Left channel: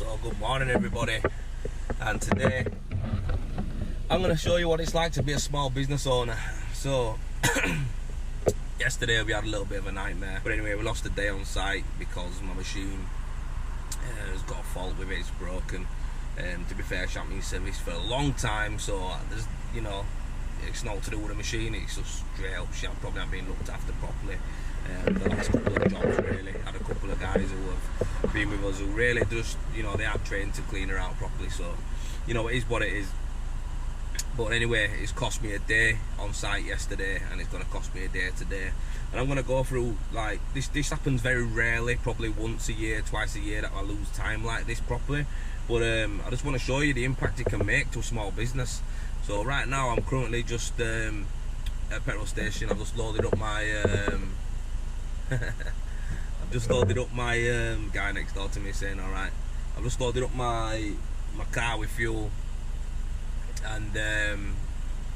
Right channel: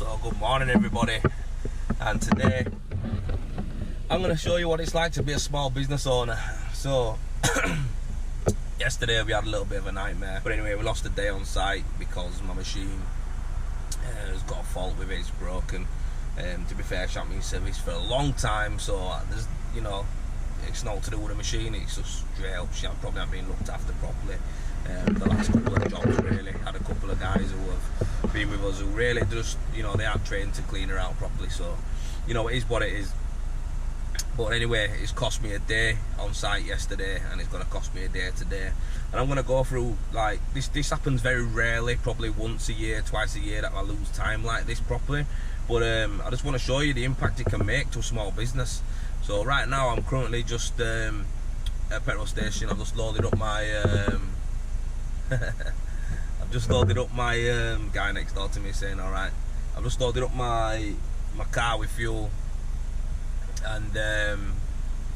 So good morning everybody, and today I'm going to show you what it's like to be a small business owner. So yesterday we had a little bit of a nightmare, but anyway, we lost a day on site because my machine has got a fault with it, it's broken. To be fair, I've been service for a long time, so there's, you know, it's not to do with the machine, it's just straight up shit. Probably not being looked after properly. The last couple of jobs, really, had a couple of guys who have been with us who really just, you know, they aren't trained to clean her out properly. So, you know, it is what it is. But anyway, it's cost me a day on site yesterday, and it's going to cost me a day today. And I'm going to go through, like, this happens very rarely, probably once a year, twice a year, that I lose time like this properly. But I just want to show you the impact it can make to a small business. So right now I'm currently just at a petrol station. I've just loaded up my guy next door to me saying alright. I've just loaded up my car with fuel, and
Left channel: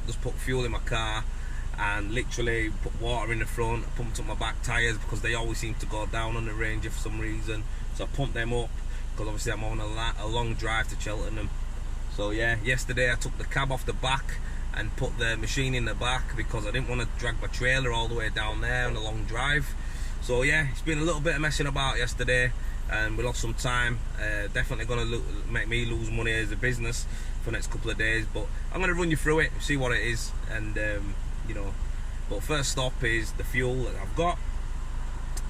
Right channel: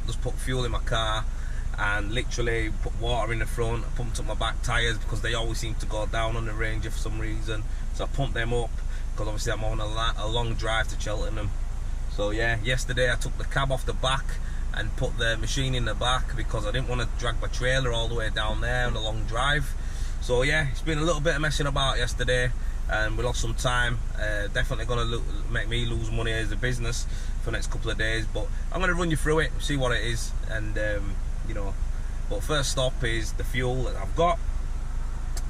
just put fuel in my car and literally put water in the front. I pumped up my back tyres because they always seem to go down on the Ranger for some reason, so I pumped them up because obviously I'm on a long drive to Cheltenham. So yeah, yesterday I took the cab off the back and put the machine in the back because I didn't want to drag my trailer all the way down there on a long drive. So yeah, it's been a little bit of messing about yesterday, and we lost some time. Definitely going to make me lose money as a business for the next couple of days, but I'm going to run you through it, see what it is, and you know. But first stop is the fuel that I've got,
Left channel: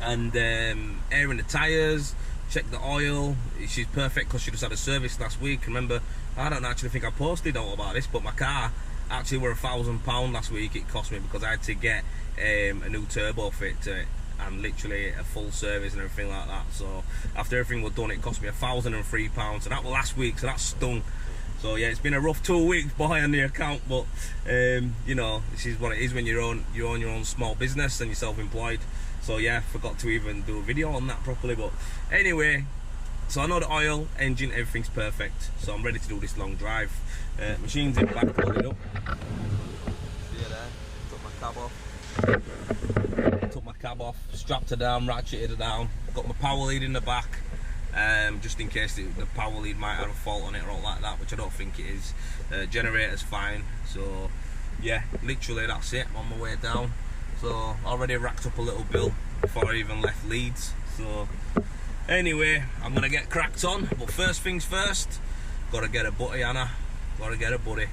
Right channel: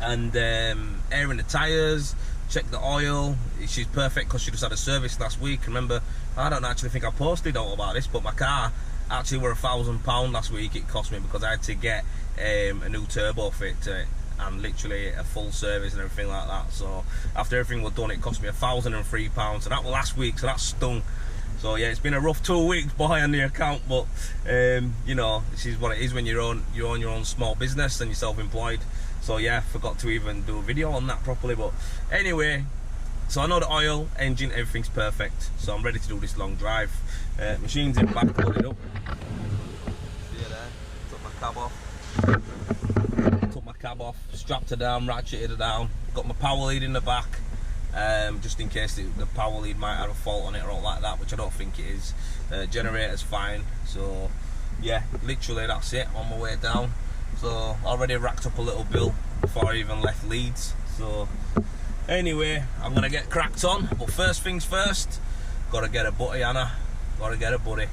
and air in the tyres. Check the oil. She's perfect because she just had a service last week. Remember, I don't actually think I posted all about this, but my car actually were £1,000 last week. It cost me because I had to get a new turbo fit to it, and literally a full service and everything like that. So after everything was done, it cost me £1,003. So that was last week, so that stung. So yeah, it's been a rough 2 weeks behind the account, but you know, this is what it is when you own your own small business and you're self-employed. So yeah, forgot to even do a video on that properly. But anyway, so I know the oil, engine, everything's perfect. So I'm ready to do this long drive. Machine's in back, loaded up. See you there. Took my cab off, strapped her down, ratcheted her down. Got my power lead in the back, just in case the power lead might have a fault on it or all like that, which I don't think it is. Generator's fine. So yeah, literally that's it. I'm on my way down. So already racked up a little bill before I even left Leeds. So anyway, I'm gonna get cracked on. But first things first, gotta get a buddy, Anna. Gotta get a buddy.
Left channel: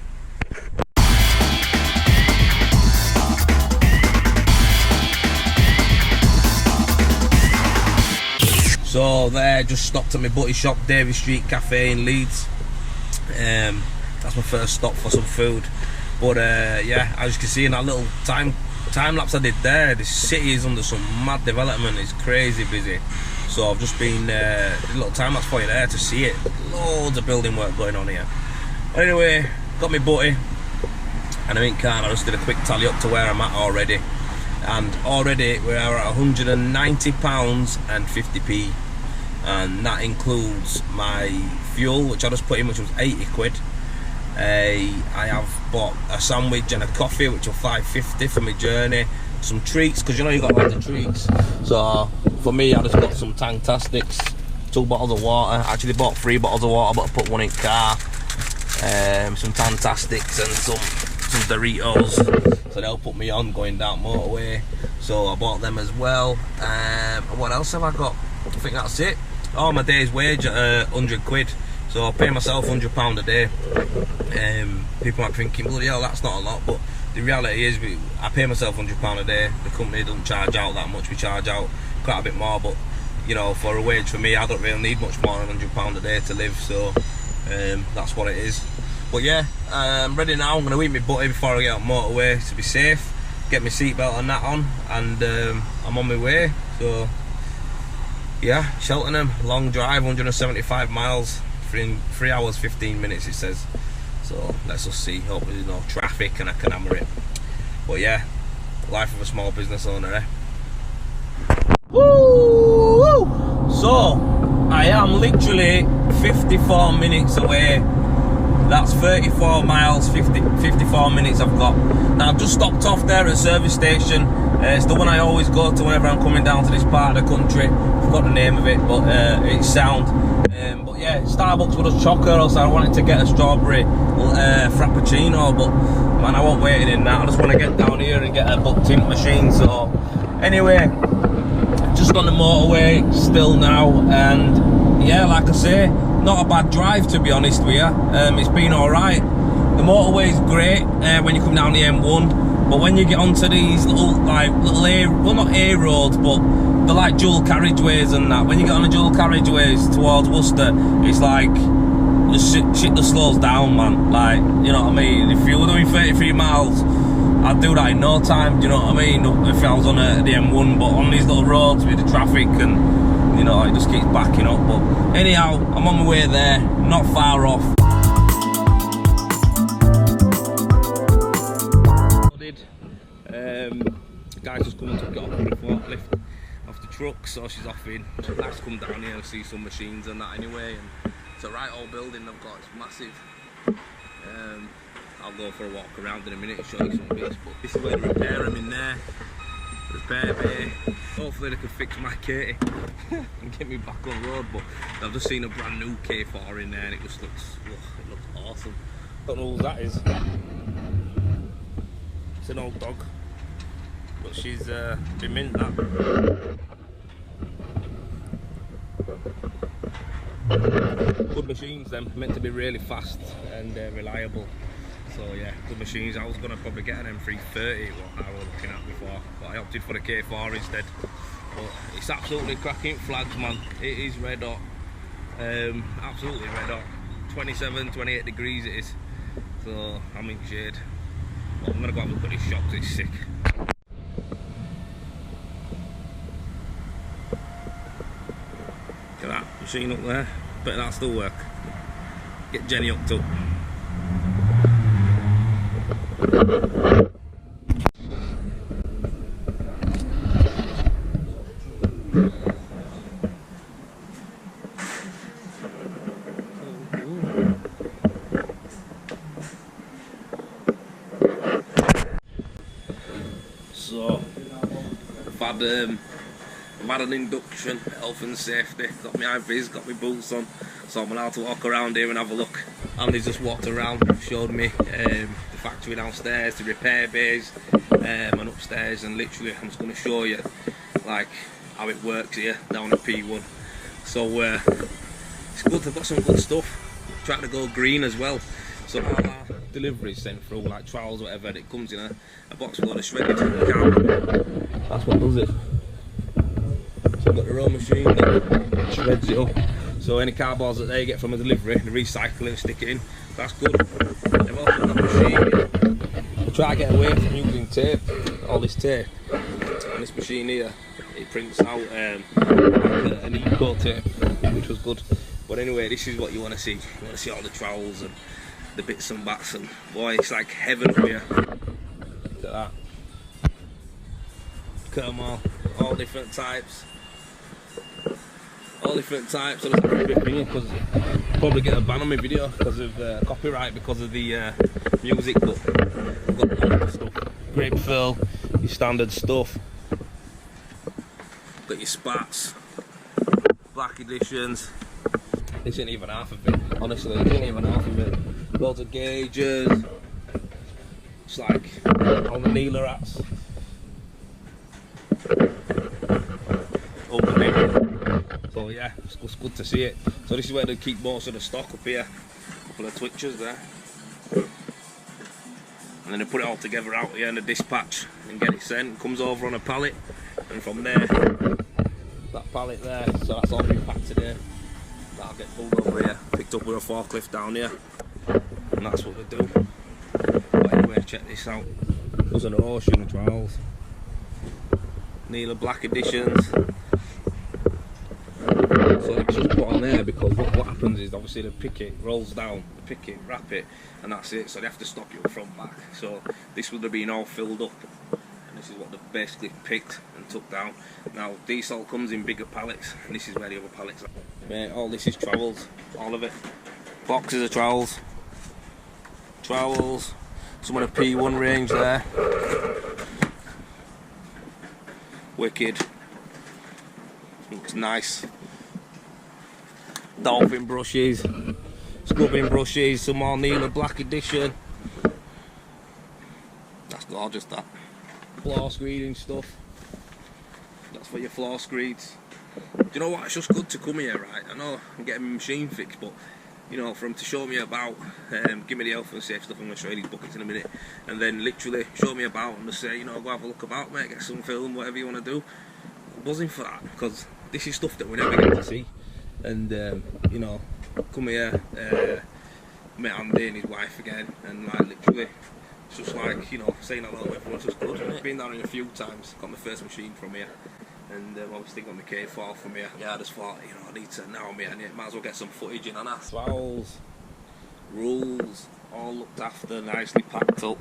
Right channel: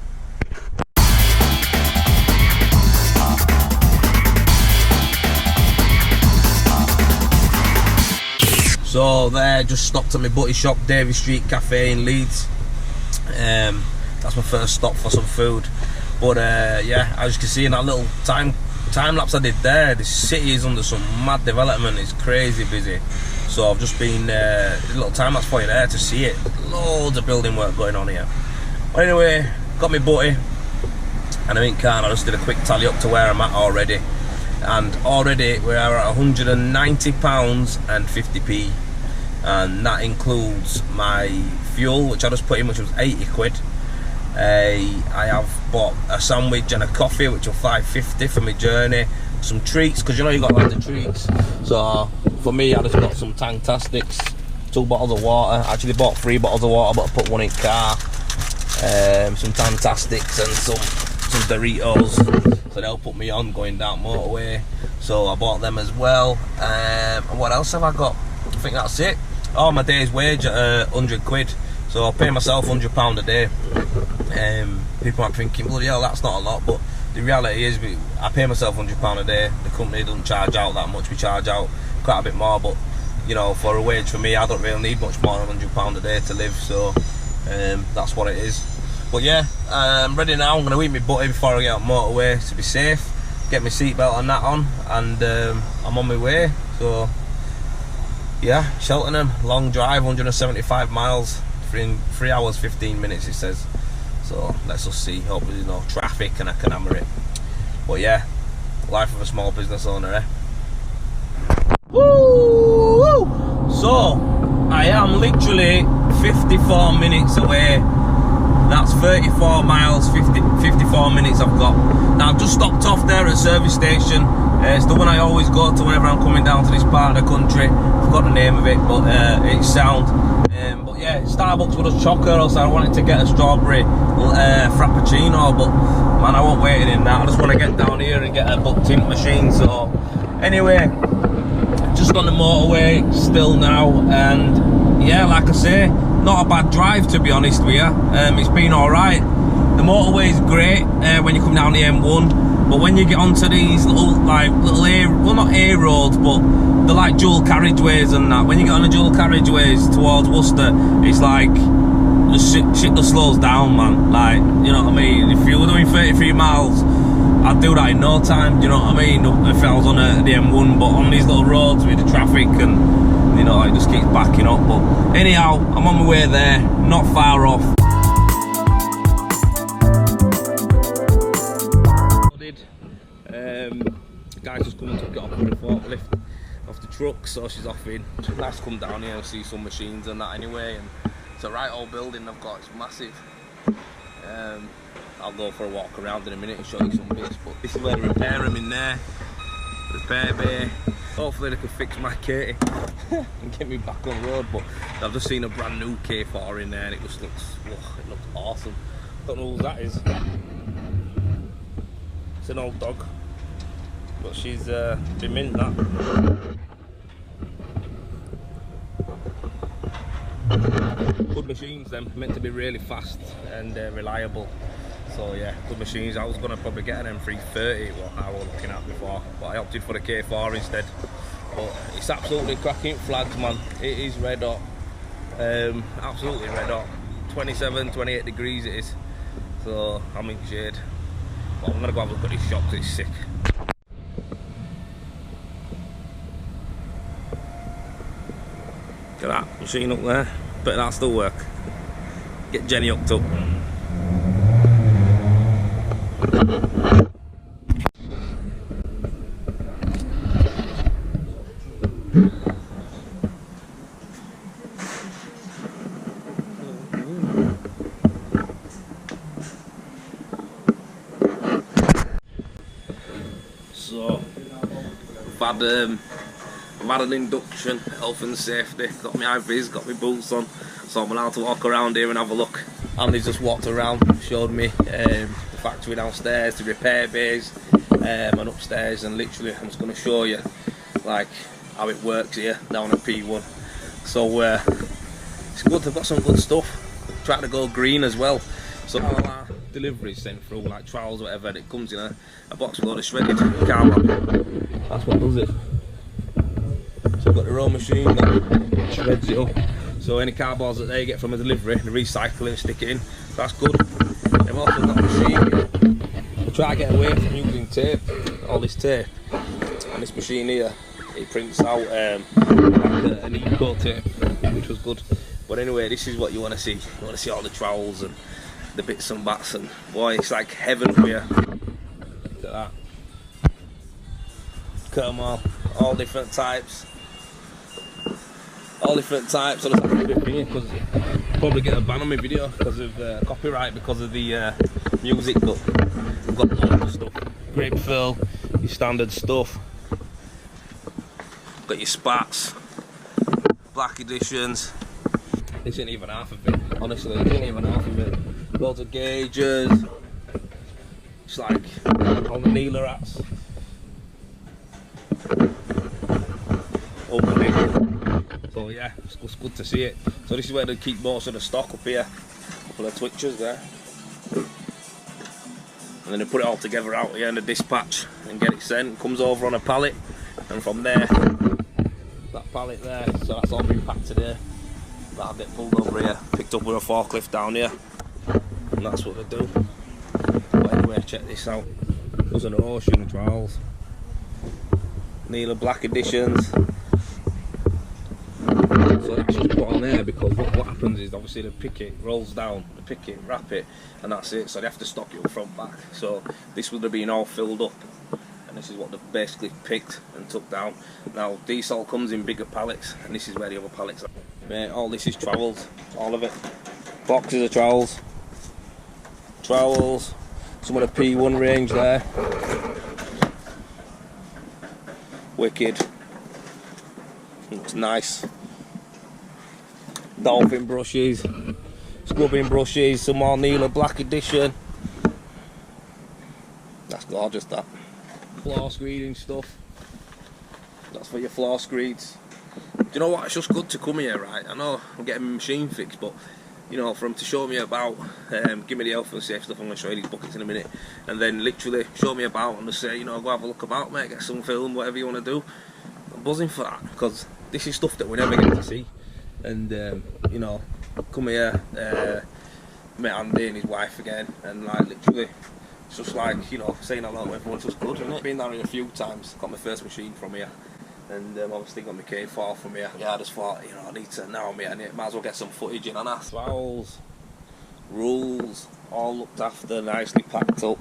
So there, just stopped at my buddy shop, Davy Street Cafe in Leeds. That's my first stop for some food. But yeah, as you can see in that little time lapse I did there, this city is under some mad development. It's crazy busy. So I've just been a little time lapse for you there to see it. Loads of building work going on here. But anyway, got my buddy and I'm in car, and I just did a quick tally up to where I'm at already. And already we're at £190 and 50p, and that includes my fuel, which I just put in, which was 80 quid. I have bought a sandwich and a coffee, which were £5.50 for my journey. Some treats, because you know you got like the treats. So for me, I just got some Tanktastics, 2 bottles of water. Actually bought 3 bottles of water, but I put one in car. Some Tanktastics and some Doritos, so they'll put me on going down motorway. So I bought them as well. And what else have I got? I think that's it. Oh, my day's wage at 100 quid. So I pay myself £100 a day. People might be thinking, bloody hell, that's not a lot, but the reality is I pay myself £100 a day. The company doesn't charge out that much. We charge out quite a bit more, but you know, for a wage for me, I don't really need much more than £100 a day to live. So that's what it is. But yeah, I'm ready now. I'm going to eat my buddy before I get on motorway to be safe, get my seatbelt and that on, and I'm on my way. So yeah, Cheltenham, long drive, 175 miles, 3 hours 15 minutes it says. So let's just see, hopefully there's no traffic and I can hammer it. But yeah, life of a small business owner, eh? Woo! So I am literally 54 minutes away. That's 34 miles, 54 minutes I've got. Now I've just stopped off there at a service station. It's the one I always go to whenever I'm coming down to this part of the country. I forgot the name of it, but it's sound. But yeah, Starbucks with a chocolate, so I wanted to get a strawberry frappuccino, but man, I won't wait in that. I just want to get down here and get a book tint machine. So anyway, just on the motorway still now, and yeah, like I say, not a bad drive to be honest with you. It's been alright. The motorway is great when you come down the M1, but when you get onto these little A, well not A roads, but they're like dual carriageways and that. When you get on the dual carriageways towards Worcester, it's like the shit that slows down, man. Like, you know what I mean? If you were doing 33 miles, I'd do that in no time, do you know what I mean? If I was on the M1, but on these little roads with the traffic and, you know, it just keeps backing up. But anyhow, I'm on my way there, not far off. The guy's just come and took it off with a forklift off the truck, so she's off in. Nice to come down here and see some machines and that anyway. And it's a right old building they've got, it's massive. I'll go for a walk around in a minute and show you some bits, but this is where they repair them in there. Repair bay. Hopefully they can fix my Katie and get me back on the road, but I've just seen a brand new K4 in there and it just looks, it looks awesome. Don't know who that is. It's an old dog, but she's been mint that. Good machines them, meant to be really fast and reliable. So yeah, good machines. I was going to probably get an M330, what I was looking at before, but I opted for the K4 instead. But it's absolutely cracking flags, man. It is red hot, absolutely red hot. 27, 28 degrees it is, so I'm in shade. But I'm going to go have a look at this shop because it's sick. Look at that machine up there, bet that'll still work. Get Jenny hooked up. So I've had an induction, health and safety, got my IVs, got my boots on, so I'm allowed to walk around here and have a look. Andy's just walked around, showed me the factory downstairs, the repair bays, and upstairs, and literally I'm just going to show you like how it works here down at P1. So it's good, they've got some good stuff. Trying to go green as well. So all our deliveries sent through, like trials or whatever, and it comes in a box with a load of shredded cardboard. That's what does it. So we've got their own machine that shreds it up. So any cardboards that they get from a delivery, they recycle it and stick it in. That's good. They've also got a machine here. We try to get away from using tape, all this tape. And this machine here, it prints out like an eco tape, which was good. But anyway, this is what you want to see. You want to see all the trowels and the bits and bats, and boy, it's like heaven for you. Look at that. Look at them all different types. All different types. So it's a bit thingy because probably get a ban on my video because of copyright, because of the music. But I've got loads of stuff. Grape fill, your standard stuff. Got your spats, black editions. This ain't even half of it. Honestly, this ain't even half of it. Loads of gauges. It's like all the Neela hats. Unbelievable. So yeah, it's good to see it. So this is where they keep most of the stock up here. A couple of twitchers there. And then they put it all together out here in the dispatch and get it sent. It comes over on a pallet, and from there, that pallet there, so that's all been packed today. That'll get pulled over here, picked up with a forklift down here, and that's what they do. But anyway, check this out. There's an ocean of trials. Neela black editions. So that's just put on there because what happens is obviously the picket rolls down, the picket, wrap it, and that's it. So they have to stock it up front back. So this would have been all filled up, and this is what they've basically picked and took down. Now these all comes in bigger pallets, and this is where the other pallets are. Mate, all this is trowels, all of it. Boxes of trowels, some of the P1 range there. Wicked. Looks nice. Dolphin brushes, scrubbing brushes, some more Neela Black Edition. That's gorgeous, that. Floor screening stuff. That's for your floor screeds. Do you know what? It's just good to come here, right? I know I'm getting my machine fixed, but you know, for him to show me about, give me the health and safety stuff. I'm going to show you these buckets in a minute, and then literally show me about and just say, you know, go have a look about, mate, get some film, whatever you want to do. I'm buzzing for that, because this is stuff that we never get to see. And you know, come here, met Andy and his wife again, and like literally, it's just like, you know, saying hello to everyone's just good, isn't it? Been down here a few times, got my first machine from here. And obviously got my K4 from here. Yeah, I just thought, you know, I need to, now I'm here, might as well get some footage in on that. Fouls, rules, all looked after, nicely packed up.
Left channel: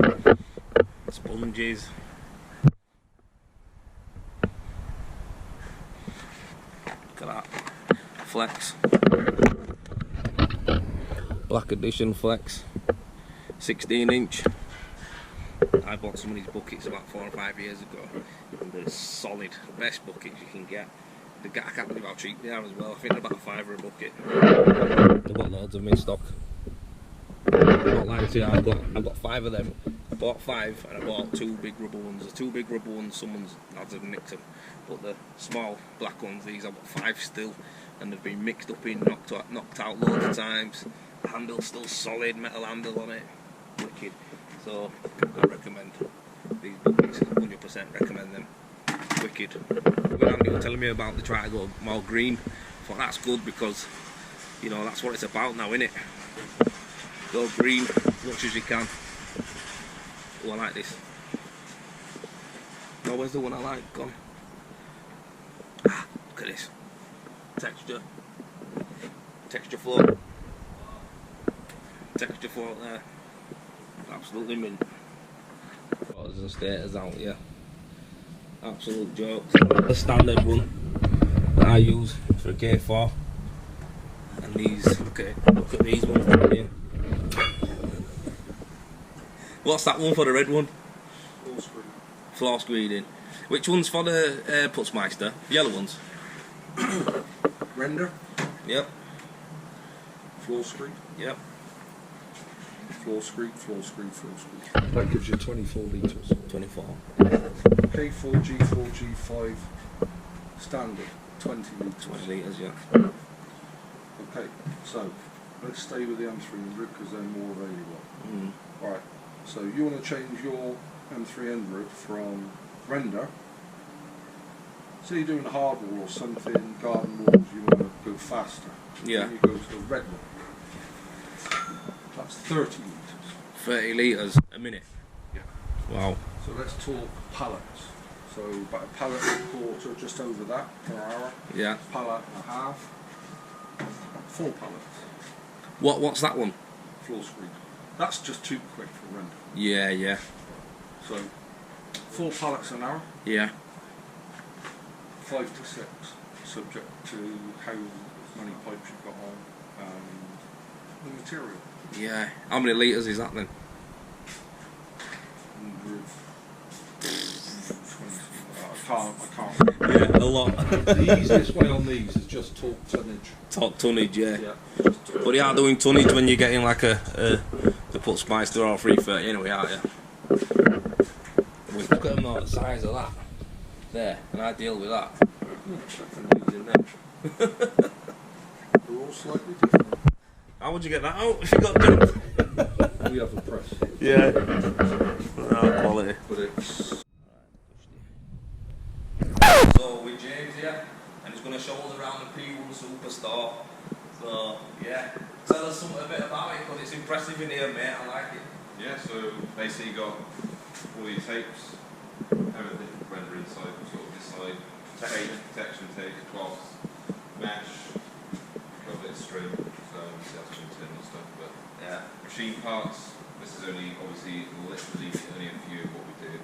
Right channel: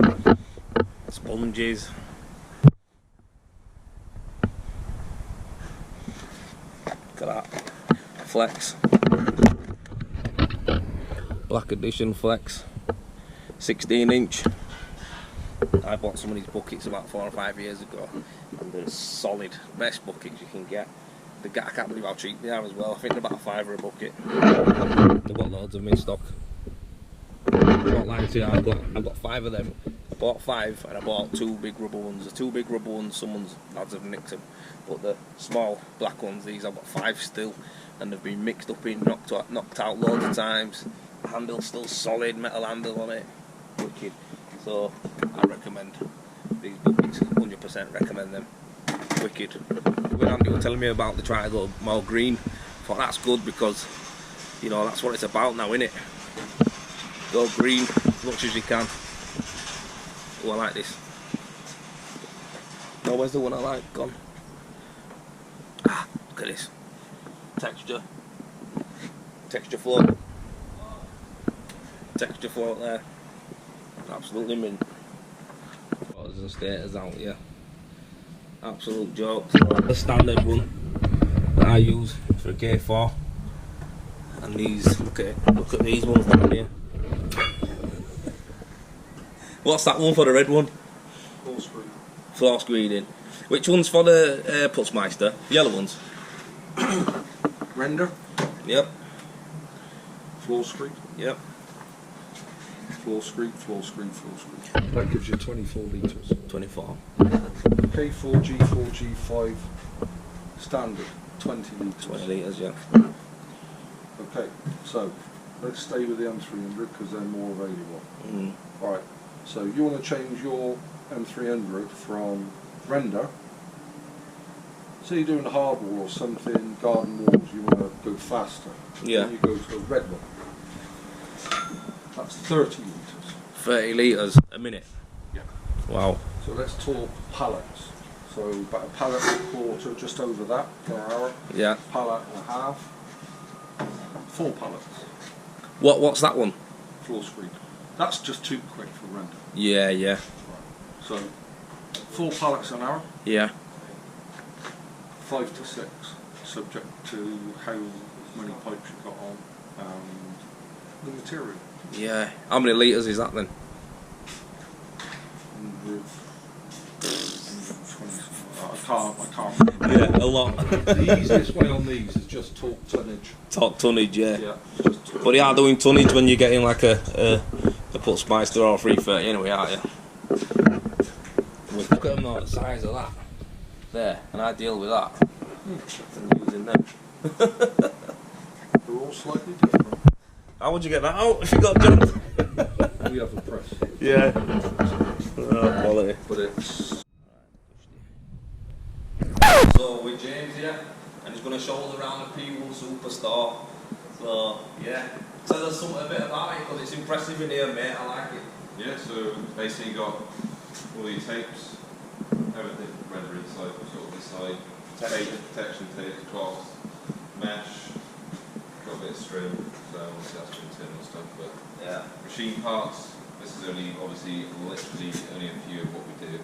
Sponges. Look at that. Flex. Black Edition Flex. 16-inch. I bought some of these buckets about 4 or 5 years ago. And they're solid, best buckets you can get. I can't believe how cheap they are as well. I think they're about £5 a bucket. They've got loads of them in stock. Not lying to you, I've got 5 of them. I bought 5 and I bought 2 big rubber ones. The 2 big rubber ones, someone's lads have nicked them. But the small black ones, these I've got 5 still, and they've been mixed up in, knocked out loads of times. The handle's still solid, metal handle on it. Wicked. So I recommend these buckets, 100% recommend them. Wicked. When Andy was telling me about the try to go more green, I thought that's good, because you know that's what it's about now, innit? Go green as much as you can. Oh, I like this. No, where's the one I like? Gone. Ah, look at this. Texture. Texture float. Texture float there. Absolutely mint. Photos and status out, yeah. Absolute joke. So the standard one that I use for a K4. And these, look at these ones down here. What's that one for the red one? Floor screen. Floor screening. Which one's for the Putzmeister? The yellow ones? Render. Yep. Floor screen. Yep. Floor screen, floor screen, floor screen. That gives you 24 litres. 24. K4, G4, G5, standard, 20 litres. 20 litres, yeah. Okay, so let's stay with the M300 because they're more available. Mm. Right, so you want to change your M300 from render. Say you're doing a hard wall or something, garden walls, you want to go faster. Yeah. Then you go to a red one. That's 30 litres. 30 litres a minute? Yeah. Wow. So let's talk pallets. So about a pallet and a quarter, just over that per hour. Yeah. Pallet and a half. 4 pallets. What's that one? Floor screen. That's just too quick for render. Yeah, yeah. Right. So 4 pallets an hour. Yeah. 5 to 6, subject to how many pipes you've got on and the material. Yeah. How many litres is that then? With 20 something like that. I can't remember. Yeah, a lot. The easiest way on these is just talk tonnage. Talk tonnage, yeah. Yeah. Just But you are doing tonnage when you're getting like a Putzmeister or a 330 anyway, aren't you? Look at them though, the size of that. There, and I deal with that. I'm using them. they're all slightly different. How would you get that out if you got jumped? We have a press. Yeah. Oh, quality. But it's... So with James here, and he's going to show us around the P1 Superstore. So yeah, tell us a bit about it, because it's impressive in here, mate. I like it. Yeah, so basically you got all your tapes, everything render inside, sort of inside, protection tapes, cloths, mesh, got a bit of string, so obviously that's for internal stuff, but Yeah. machine parts, this is only, obviously, literally only a few of what we do.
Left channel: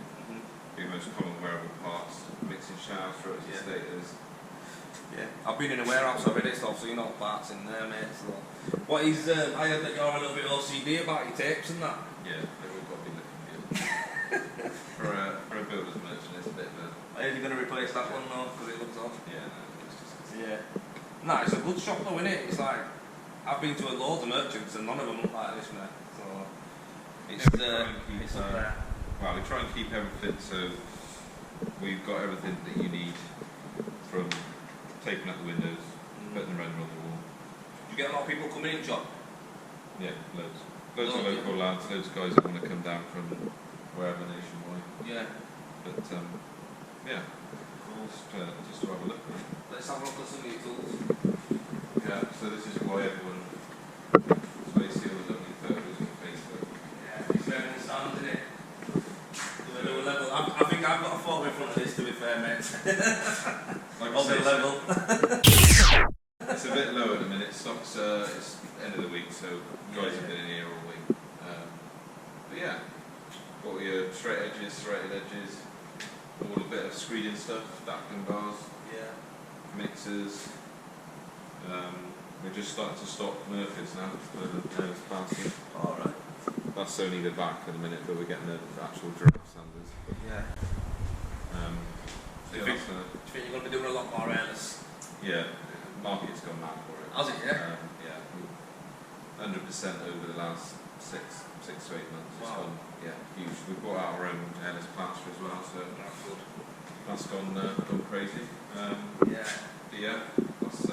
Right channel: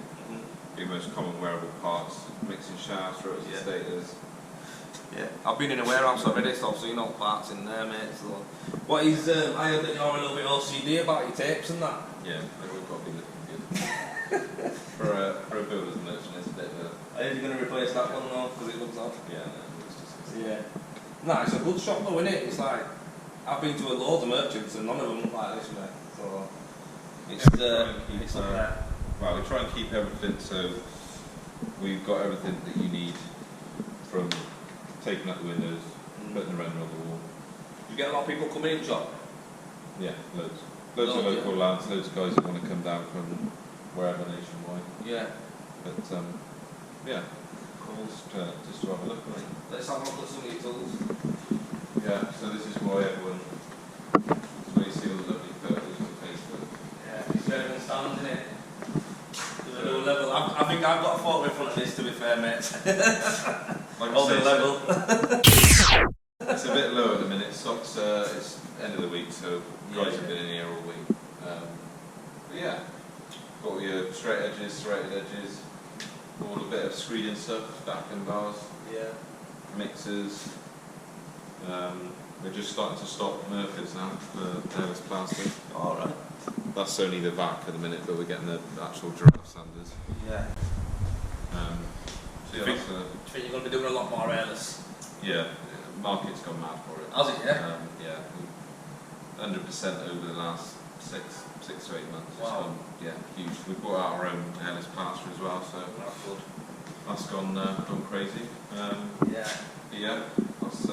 Your most common wearable parts, mixing shafts, rotors and stators. Yeah, I've been in a warehouse already, so you know parts in there, mate. So, what is? I heard that you're a little bit OCD about your tapes and that. Yeah, but we've got to be looking good. for a builder's merchant, it's a bit of a... Are you going to replace that one now because it looks odd? Yeah, no, it's just... Yeah. Nah, it's a good shop though, isn't it? It's like, I've been to a load of merchants and none of them look like this, mate. So, it's, it's up there. Well, we try and keep everything so we've got everything that you need, from taping up the windows, putting the render on the wall. You get a lot of people coming in shop? Yeah, loads. Loads of local lads, loads of guys that want to come down from wherever nationwide. Yeah. But yeah, Cool. just to have a look at it. Let's have a look at some of your tools. Yeah, so this is why everyone, that's why you see all the lovely photos on Facebook. Yeah, it's where everyone stands, isn't it? To a new level. I think I've got a photo in front of this, to be fair, mate. Like All the level. It's a bit low at the minute. Stocks, it's end of the week, so guys have been in here all week. But yeah, got all your straight edges, serrated edges, all a bit of screeding stuff, backend bars, Yeah. mixers. We're just starting to stock Murphys now for this plastic. Alright. That's only the vac at the minute, but we're getting the actual giraffe sanders. Yeah. So yeah, Do you think you're going to be doing a lot more airless? yeah, the market's gone mad for it. Has it, yeah? Yeah, 100% over the last six to 8 months. It's Wow. gone, yeah, huge. We brought out our own airless plaster as well, so That's good. that's gone crazy. Yeah. But yeah, that's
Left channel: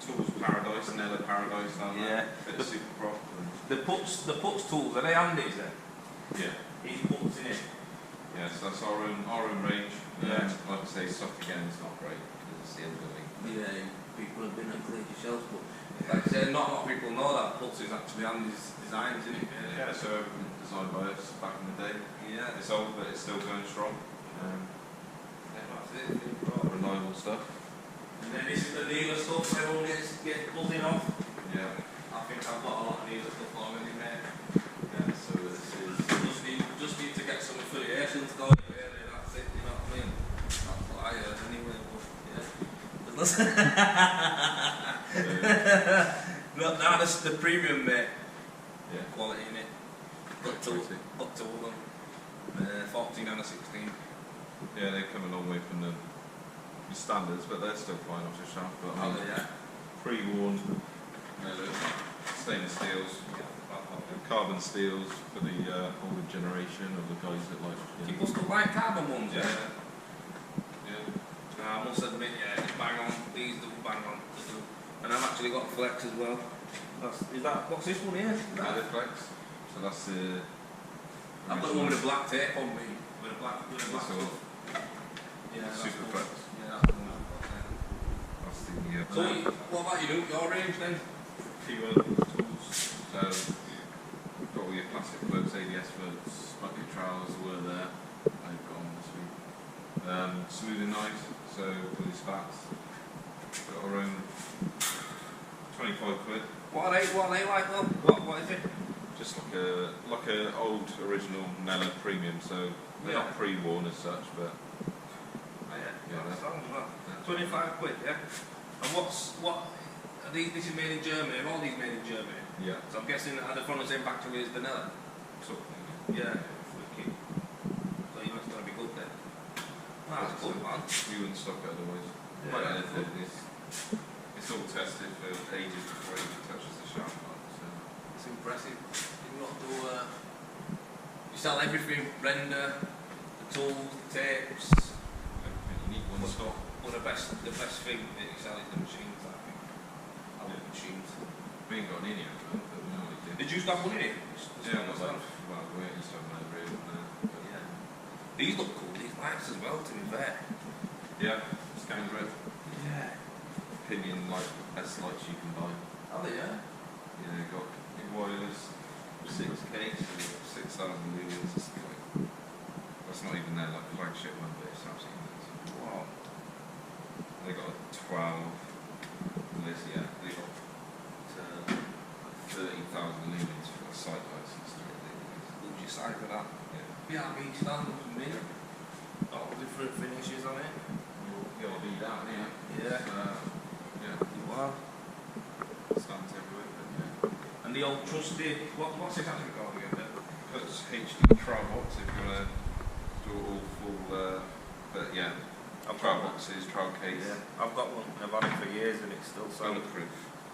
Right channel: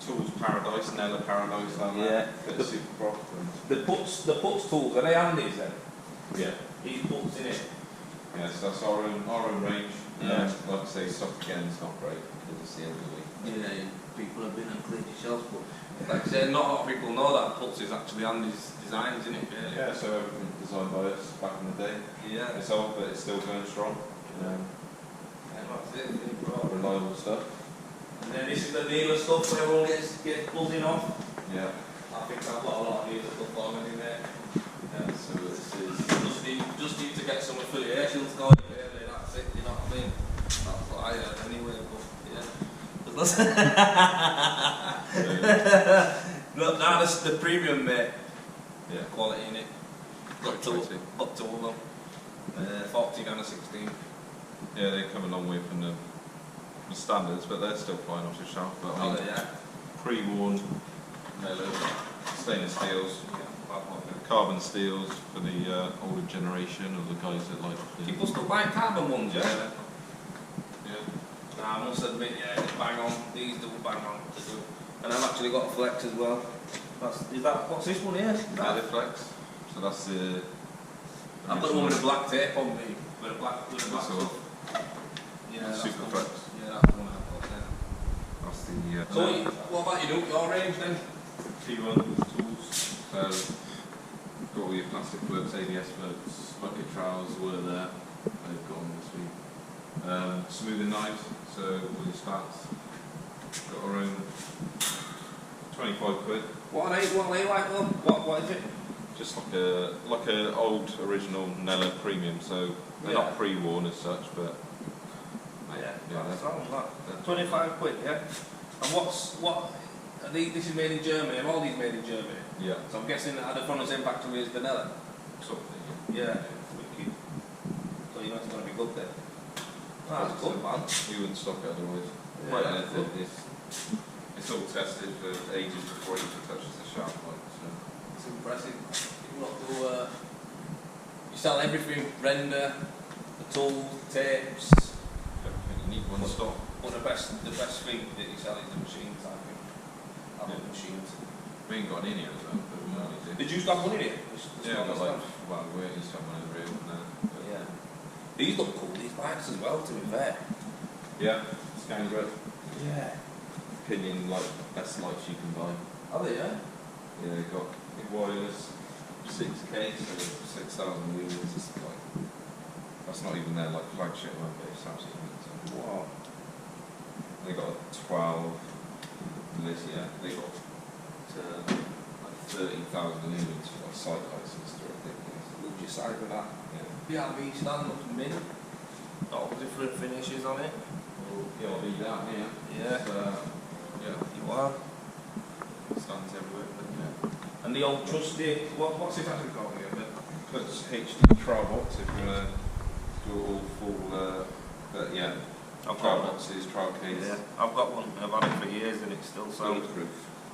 tools paradise, Nella paradise, like Yeah. that. Bit of super prop. The puts tools, are they handies then? Yeah, These puts in it. yeah. So that's our own range. Yeah. Like I say, stock again is not great because it's the end of the week. Yeah, people have been and cleared your shelves, but like I said, not a lot of people know that puts is actually Andy's designs, isn't it, really? Yeah, so everything designed by us back in the day. Yeah. It's old, but it's still going strong. Yeah, that's it. Reliable stuff. And then this is the Neela stuff where everyone gets buzzing off. Yeah. I think I've got a lot of Neela stuff already, mate. Yeah. So this is. Just need to get some affiliations going, really, that's it, you know what I mean? That's what I heard anyway, but yeah. No, that's the premium, mate. Yeah. Quality in it. Got to all them. 14 and a 16. Yeah, they come a long way from the standards, but they're still flying off the shelf. But I mean, yeah. pre-worn stainless steels, Yeah, bad boy, yeah. carbon steels for the older generation, or the guys that like. You know, People still buy carbon ones, yeah? Yeah. I must admit, yeah, it's bang on. These do bang on to do. And I've actually got a flex as well. What's this one here? Mediflex. So that's the. I've got the one with a black tape on me. With a black That's Yeah, Super that's flex. Yeah, that's the one I've got, yeah. That's the. So, what about your range then? P1 tools. So, got all your plastic floats, ABS floats, bucket trowels were there. They've gone this week. Smoothing knives, so all your spats. Got our own 25 quid. What are they like though? What is it? Just like a old original Nella premium, so they're not pre-worn as such, but Yeah, that's all that. 25 quid, yeah. And this is made in Germany, are all these made in Germany? yeah, So I'm guessing that they're from the same factory as the Nella? sort of thing. Yeah. Wicked. So you know it's going to be good then? Well, that's good, man. We wouldn't stock it otherwise. Yeah, Like that's anything, it's all tested for ages before it even touches the shelf. Like, so. It's impressive. You lot do, you sell everything, render, the tools, tapes, Everything you need, one stock. but the best thing that you sell is the machines, I think. I love machines. We ain't got any here at the moment, but we might do. Did you stop one in here? Yeah, I've got like, well, we're waiting to one over here now. But Yeah. These look cool, these lights as well, to be fair. yeah, scan grip. Yeah. Opinion, like, best lights you can buy. Are they, yeah? Yeah, they've got wireless 6K, so 6,000 lumens. It's like, that's not even their like flagship one, but it's absolutely nuts. Wow. They got a 12. This, yeah, they got like 30,000 lumens for like side lights. It's ridiculous. Look your side with that. Yeah. PRV stand looks mint. All different finishes on it. Well, PLB down here. Yeah. Yeah. You are. Stands everywhere, but yeah. And the old trusty, what's this actually called again? Puts HD trial box if you want to do it all full, but yeah. I've got boxes, trial case. Yeah, I've got one. I've had it for years and it still sounds. Bulletproof.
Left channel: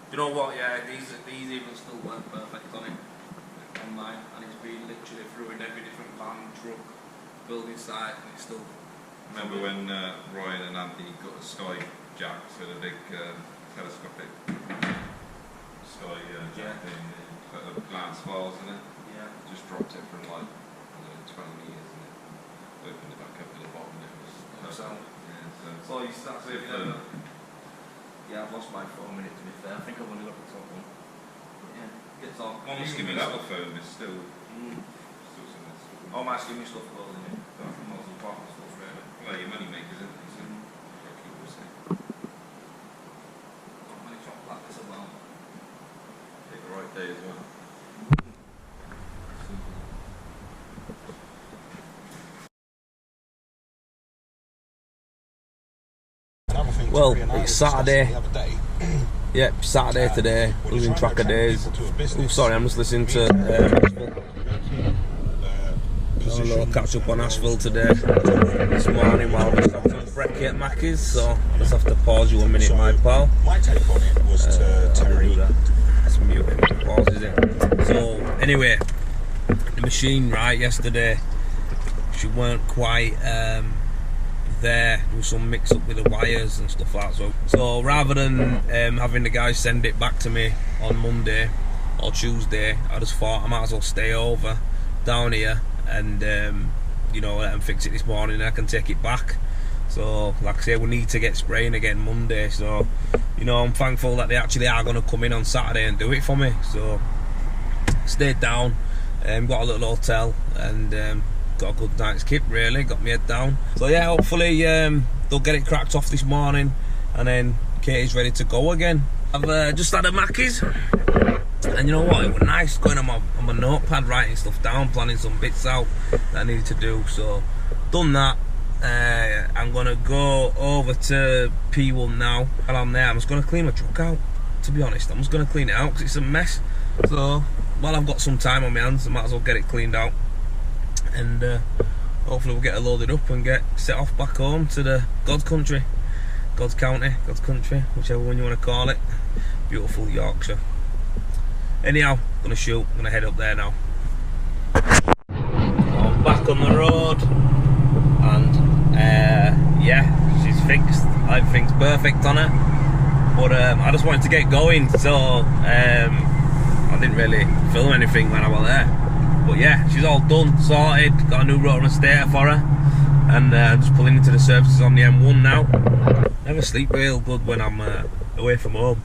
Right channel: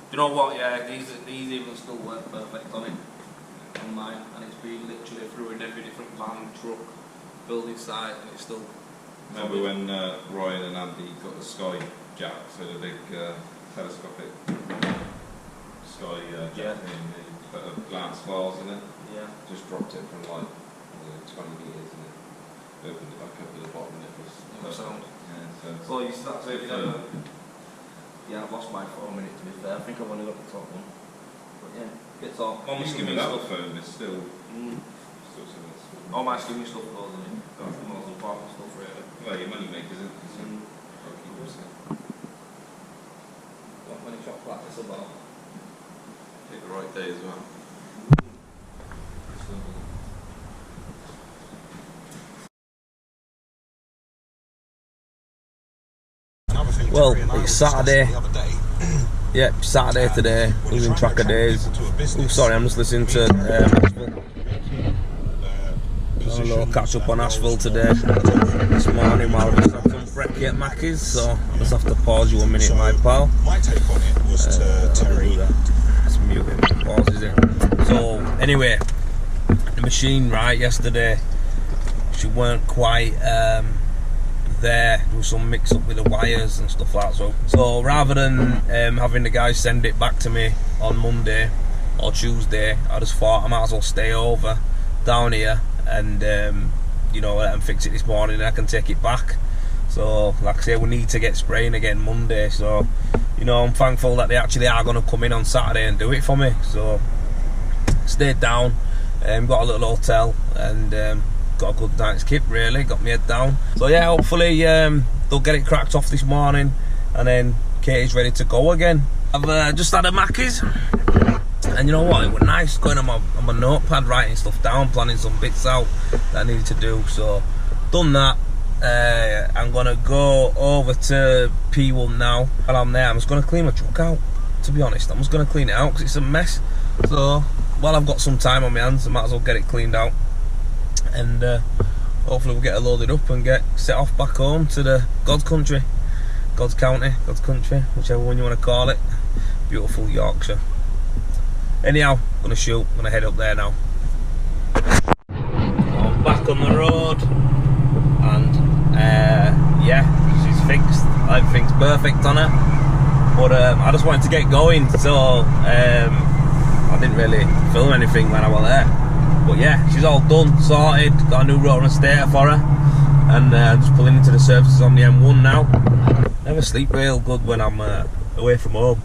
Do you know what? Yeah, these even still work perfect on it. On mine, and it's been literally through in every different van, truck, building site, and it's still. Remember when Ryan and Andy got the Sky jack, so the big telescopic Sky jack thing, they put a glass vase in it, just dropped it from like, I don't know, 20 metres and it opened it back up to the bottom and it was perfect. So that's it. Yeah, I've lost my phone in it to be fair. I think I've only got the top one. But yeah, gets all. All my skimming stuff. Phone is still some of the all my skimming stuff goes in it. That's the most important stuff really. Well, your money makers, isn't it? So I'll keep it safe. Not many shots like this as well. Pick the right day as well. Well, it's Saturday. Yep, Saturday today. Losing track of days. Oh, sorry, I'm just listening to Asheville. A little catch up on Asheville today. This morning while we just had some brekkie at Mackey's, so I just have to pause you 1 minute, my pal. My take on it was to Terry. Let's mute him. Pauses it. So anyway, the machine yesterday, she weren't quite there was some mix up with the wires and stuff like that. So rather than having the guys send it back to me on Monday or Tuesday, I just thought I might as well stay over down here and you know, let them fix it this morning and I can take it back. So like I say, we need to get spraying again Monday, so you know, I'm thankful that they actually are going to come in on Saturday and do it for me. So stayed down, got a little hotel and got a good night's kip really, got my head down. So yeah, hopefully they'll get it cracked off this morning and then Katie's ready to go again. I've just had a Mackey's and you know what, it was nice going on my notepad, writing stuff down, planning some bits out that I needed to do. So done that. I'm gonna go over to P1 now. While I'm there, I'm just gonna clean my truck out, to be honest. I'm just gonna clean it out because it's a mess. So while I've got some time on my hands, I might as well get it cleaned out and hopefully we'll get it loaded up and get set off back home to the God's country, God's county, God's country, whichever one you want to call it. Beautiful Yorkshire. Anyhow, I'm gonna shoot, I'm gonna head up there now. I'm back on the road and yeah, she's fixed. Everything's perfect on her, but I just wanted to get going, so I didn't really film anything when I was there. But yeah, she's all done, sorted, got a new rotor and stator for her, and just pulling into the services on the M1 now. Never sleep real good when I'm away from home.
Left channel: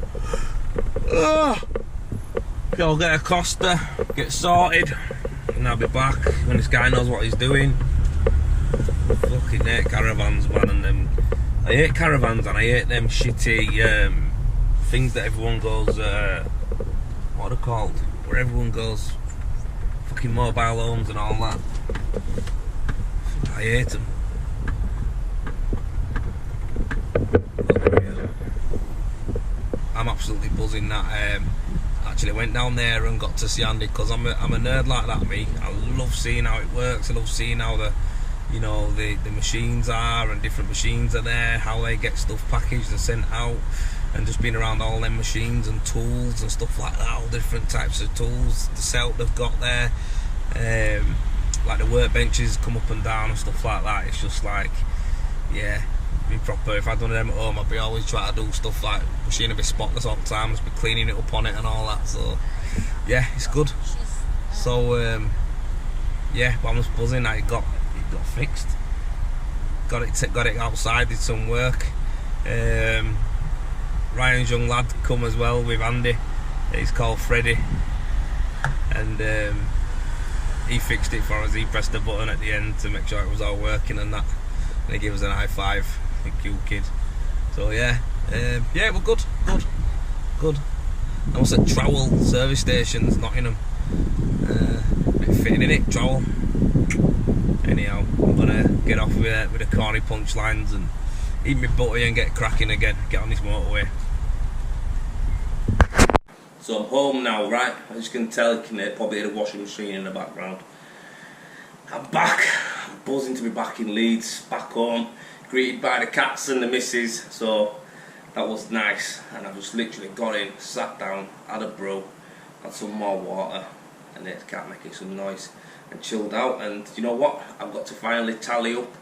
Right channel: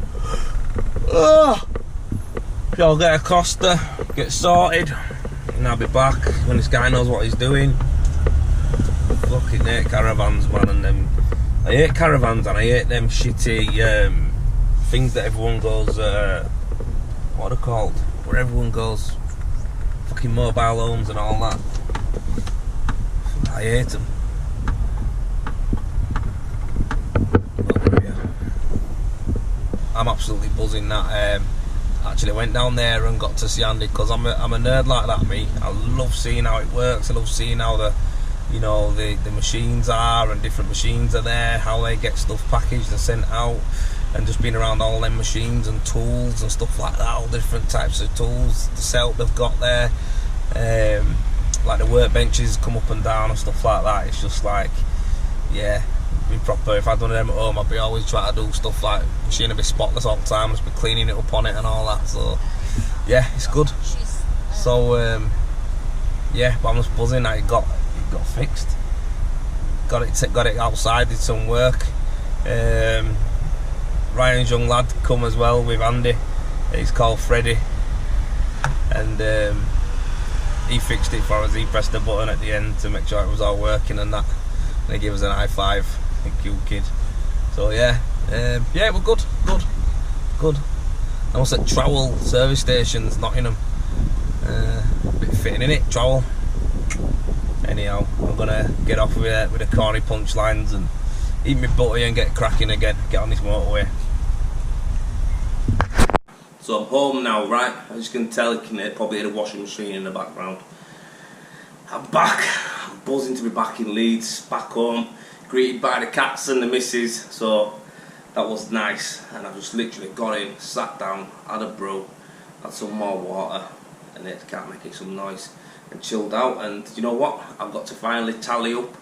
So I'll get a Costa, get sorted, and I'll be back when this guy knows what he's doing. Fucking hate caravans, man, and them. I hate caravans and I hate them shitty things that everyone goes, what are they called? Where everyone goes, fucking mobile homes and all that. I hate them. But, yeah. I'm absolutely buzzing that actually went down there and got to see Andy, because I'm a nerd like that, me. I love seeing how it works. I love seeing how the machines are, and different machines are there, how they get stuff packaged and sent out, and just being around all them machines and tools and stuff like that, all different types of tools, the setup they've got there, like the workbenches come up and down and stuff like that. It's just like, yeah, be proper. If I'd done them at home, I'd be always trying to do stuff like machine would be spotless all the time, just be cleaning it up on it and all that. So yeah, it's good. So yeah, but I'm just buzzing that it got fixed. Got it outside, did some work. Ryan's young lad come as well with Andy. He's called Freddie, and he fixed it for us. He pressed the button at the end to make sure it was all working and that, and he gave us an high five. Thank you, kid. So yeah, yeah, we're good. I was at Trowell service stations, Nottingham. Bit fitting in it, Trowell. Anyhow, I'm gonna get off with the corny punchlines and eat my butty and get cracking again, get on this motorway. So I'm home now, right? As you can tell, you can probably hear the washing machine in the background. I'm back buzzing to be back in Leeds, back home, greeted by the cats and the missus, so that was nice. And I just literally got in, sat down, had a brew, had some more water, and the cat making some noise, and chilled out. And you know what, I've got to finally tally up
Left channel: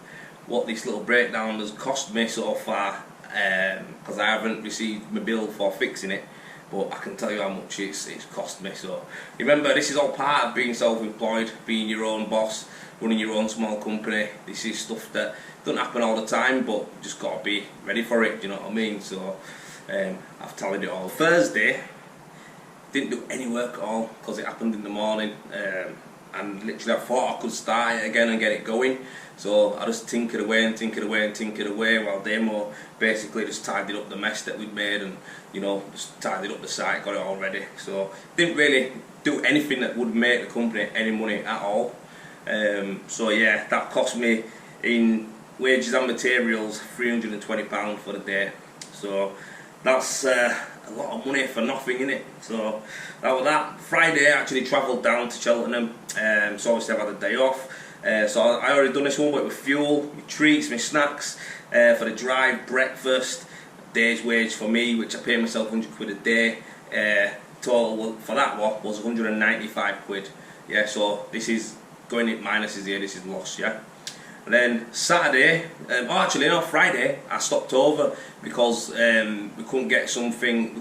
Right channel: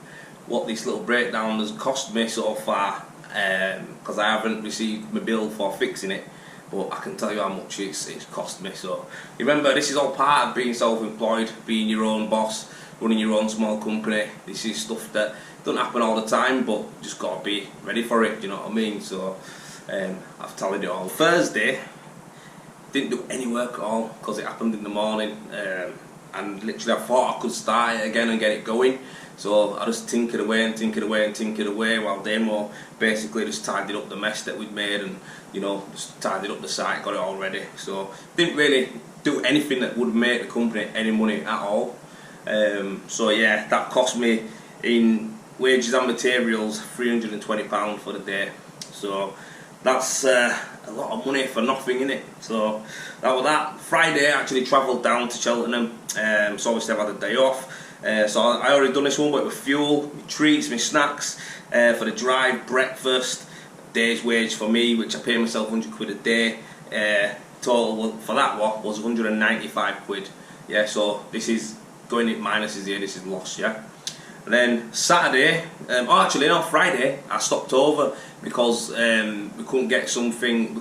what this little breakdown has cost me so far, because I haven't received my bill for fixing it, but I can tell you how much it's cost me. So remember, this is all part of being self-employed, being your own boss, running your own small company. This is stuff that don't happen all the time, but you just got to be ready for it, do you know what I mean? So I've tallied it all. Thursday, didn't do any work at all because it happened in the morning, and literally I thought I could start it again and get it going. So I just tinkered away and tinkered away and tinkered away while Demo basically just tidied up the mess that we'd made, and you know, just tidied up the site, got it all ready. So didn't really do anything that would make the company any money at all. So yeah, that cost me in wages and materials £320 for the day. So that's a lot of money for nothing, innit? So that was that. Friday I actually travelled down to Cheltenham, so obviously I've had a day off. So I already done this one, but with fuel, my treats, my snacks, for the drive, breakfast, day's wage for me, which I pay myself 100 quid a day. Total for that one was 195 quid. Yeah, so this is going in minuses here, this is loss, yeah. And then Saturday, Friday, I stopped over because we couldn't get something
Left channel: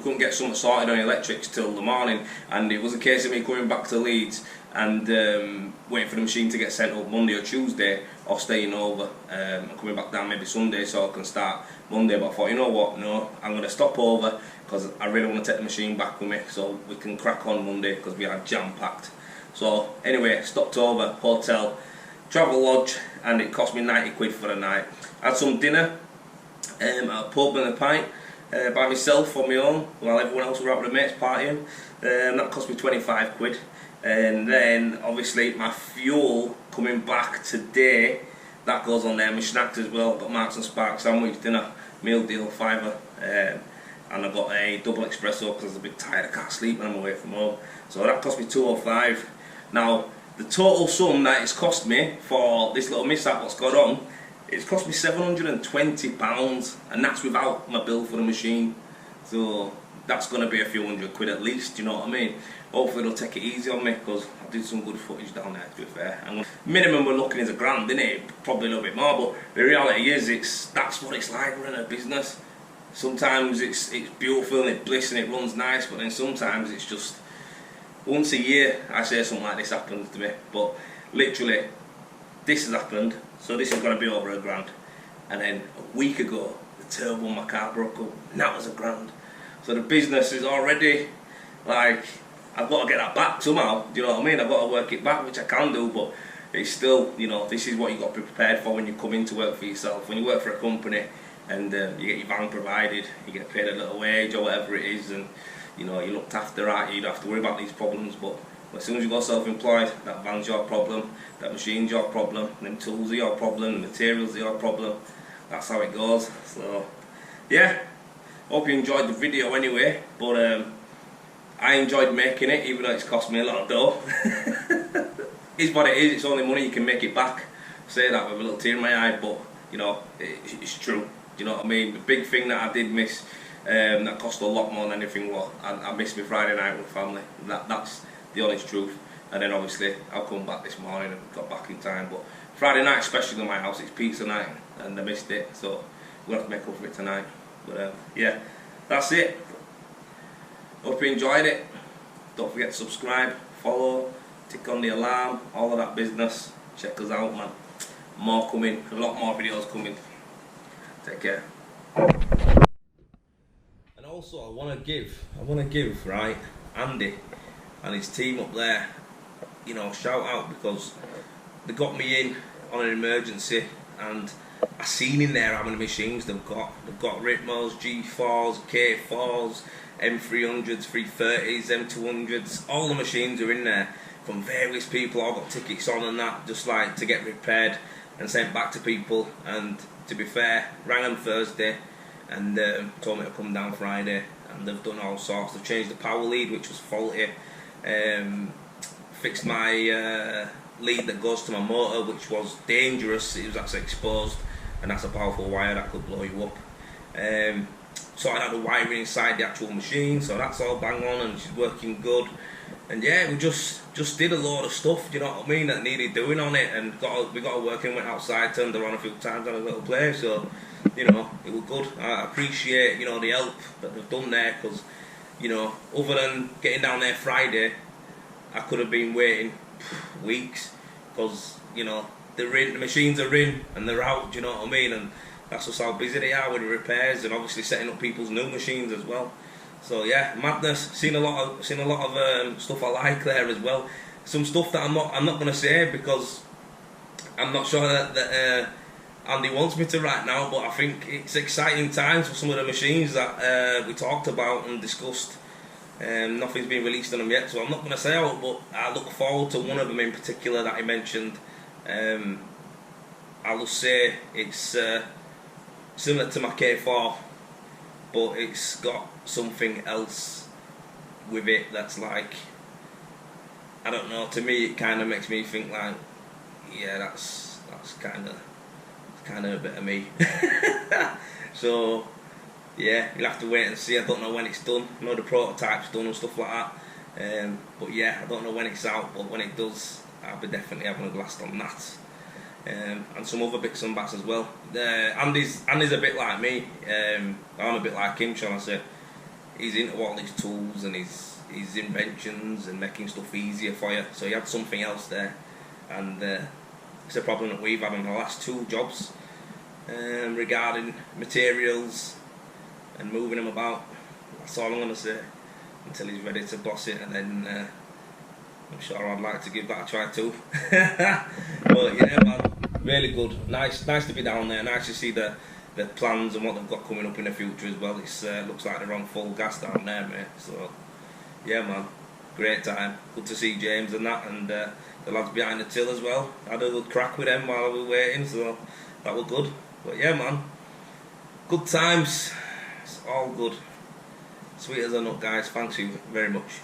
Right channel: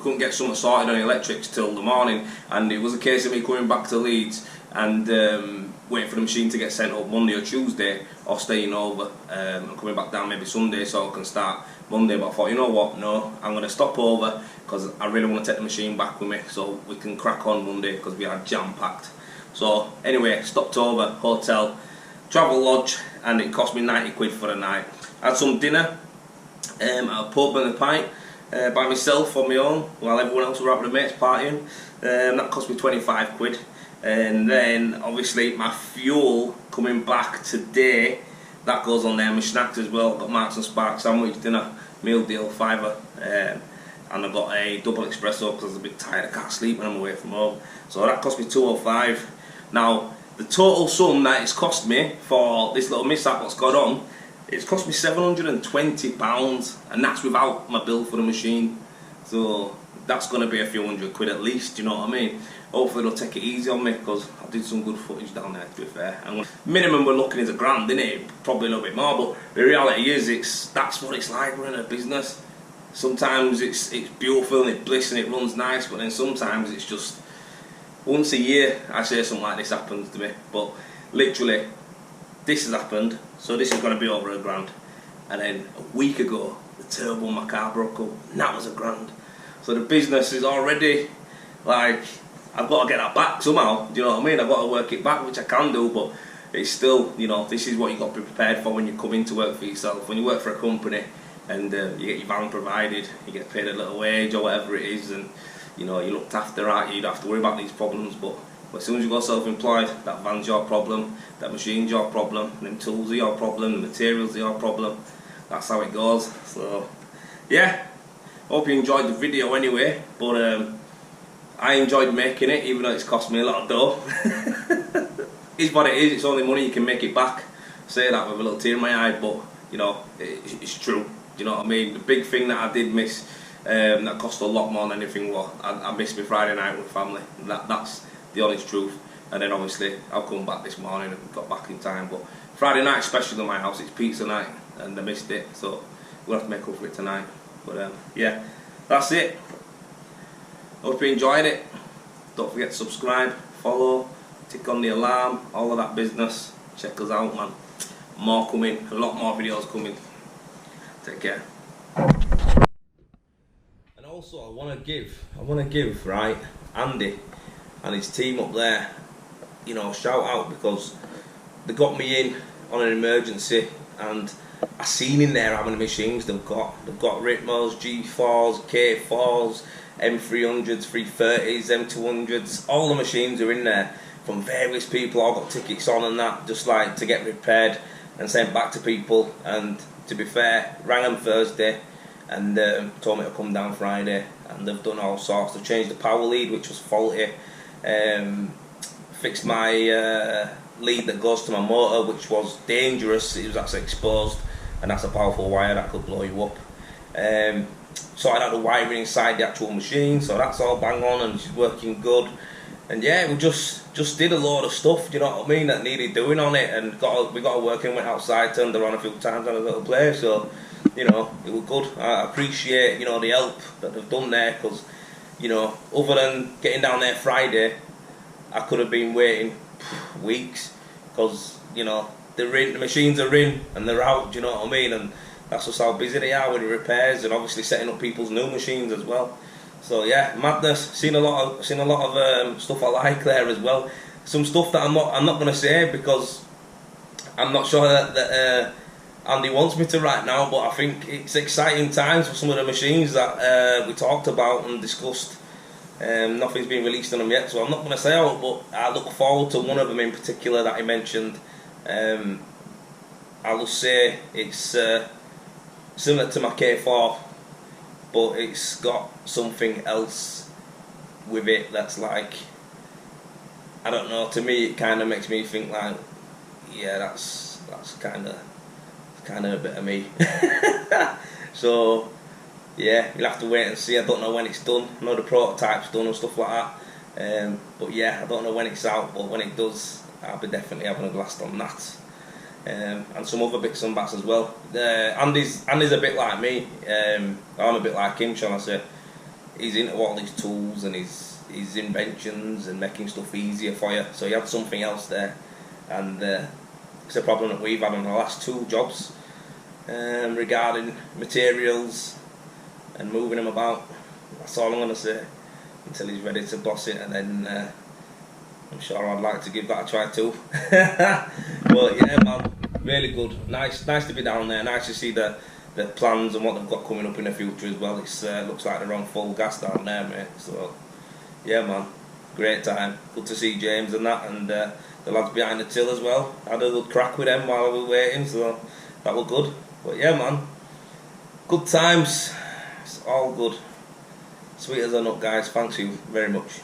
sorted on electrics till the morning, and it was a case of me coming back to Leeds and waiting for the machine to get sent up Monday or Tuesday, or staying over and coming back down maybe Sunday so I can start Monday. But I thought, you know what, no, I'm going to stop over because I really want to take the machine back with me so we can crack on Monday, because we are jam-packed. So anyway, stopped over, hotel, travel lodge, and it cost me 90 quid for the night. Had some dinner at a pub and a pint by myself on my own while everyone else was out with the mates partying. That cost me 25 quid. And then obviously my fuel coming back today, that goes on there. My snacks as well, got Marks and Sparks sandwich dinner, meal deal, £5. And I got a double espresso because I was a bit tired, I can't sleep when I'm away from home. So that cost me 205. Now the total sum that it's cost me for this little mishap what's gone on, it's cost me £720, and that's without my bill for the machine. So that's going to be a few hundred quid at least, you know what I mean? Hopefully they'll take it easy on me, because I did some good footage down there, to be fair. And minimum we're looking is £1,000, isn't it? Probably a little bit more, but the reality is that's what it's like running a business. Sometimes it's beautiful and it's bliss and it runs nice, but then sometimes it's just once a year I say something like this happens to me. But literally this has happened, so this is going to be over £1,000. And then a week ago the turbo on my car broke up, and that was £1,000. So the business is already, like, I've got to get that back somehow, do you know what I mean? I've got to work it back, which I can do, but it's still, you know, this is what you've got to be prepared for when you come into work for yourself. When you work for a company and you get your van provided, you get paid a little wage or whatever it is, and you know, you're looked after, right? You don't have to worry about these problems. But as soon as you go self-employed, that van's your problem, that machine's your problem, them tools are your problem, the materials are your problem. That's how it goes. So yeah, hope you enjoyed the video anyway, but I enjoyed making it, even though it's cost me a lot of dough. It's what it is, it's only money, you can make it back. I say that with a little tear in my eye, but you know, it's true, you know what I mean? The big thing that I did miss, that cost a lot more than anything was, I missed my Friday night with family. That's the honest truth. And then obviously I'll come back this morning and got back in time, but Friday night, especially in my house, it's pizza night and I missed it, so we'll have to make up for it tonight. But yeah, that's it. Hope you enjoyed it. Don't forget to subscribe, follow, tick on the alarm, all of that business. Check us out, man. More coming, a lot more videos coming. Take care. And also I wanna give right, Andy and his team up there, you know, shout out, because they got me in on an emergency, and I seen in there how many machines they've got. They've got Ritmos, G4s, K4s, M300s, 330s, M200s, all the machines are in there from various people. I've got tickets on and that, just like to get repaired and sent back to people. And to be fair, rang them Thursday and told me to come down Friday, and they've done all sorts. They've changed the power lead, which was faulty. fixed my lead that goes to my motor, which was dangerous. It was actually exposed, and that's a powerful wire that could blow you up. Sorted out the wiring inside the actual machine, so that's all bang on and she's working good. And yeah, we just did a load of stuff, you know what I mean, that needed doing on it, and we got a working, went outside, turned her on a few times on a little play, so, you know, it was good. I appreciate, you know, the help that they've done there, because, you know, other than getting down there Friday, I could have been waiting weeks, because, you know, the machines are in and they're out, do you know what I mean, and that's just how busy they are with the repairs, and obviously setting up people's new machines as well. So yeah, madness. Seen a lot of stuff I like there as well. Some stuff that I'm not going to say because I'm not sure that Andy wants me to right now. But I think it's exciting times for some of the machines that we talked about and discussed. Nothing's been released on them yet, so I'm not going to say out. But I look forward to one of them in particular that he mentioned. I will say it's similar to my K4. But it's got something else with it that's like, I don't know, to me it kind of makes me think like, yeah, that's kind of a bit of me. So yeah, you'll have to wait and see. I don't know when it's done. I know the prototype's done and stuff like that, but yeah, I don't know when it's out, but when it does, I'll be definitely having a blast on that. And some other bits and bats as well. Andy's a bit like me. I'm a bit like him, shall I say. He's into all these tools and his inventions and making stuff easier for you. So he had something else there, and it's a problem that we've had on the last 2 jobs regarding materials and moving them about. That's all I'm going to say until he's ready to boss it, and then I'm sure I'd like to give that a try too. But yeah, man, really good. Nice to be down there. Nice to see the plans and what they've got coming up in the future as well. It's looks like they're on full gas down there, mate. So yeah, man, great time. Good to see James and that, and the lads behind the till as well. Had a good crack with them while we were waiting, so that was good. But yeah, man, good times. It's all good. Sweet as a nut, guys. Thanks you very much.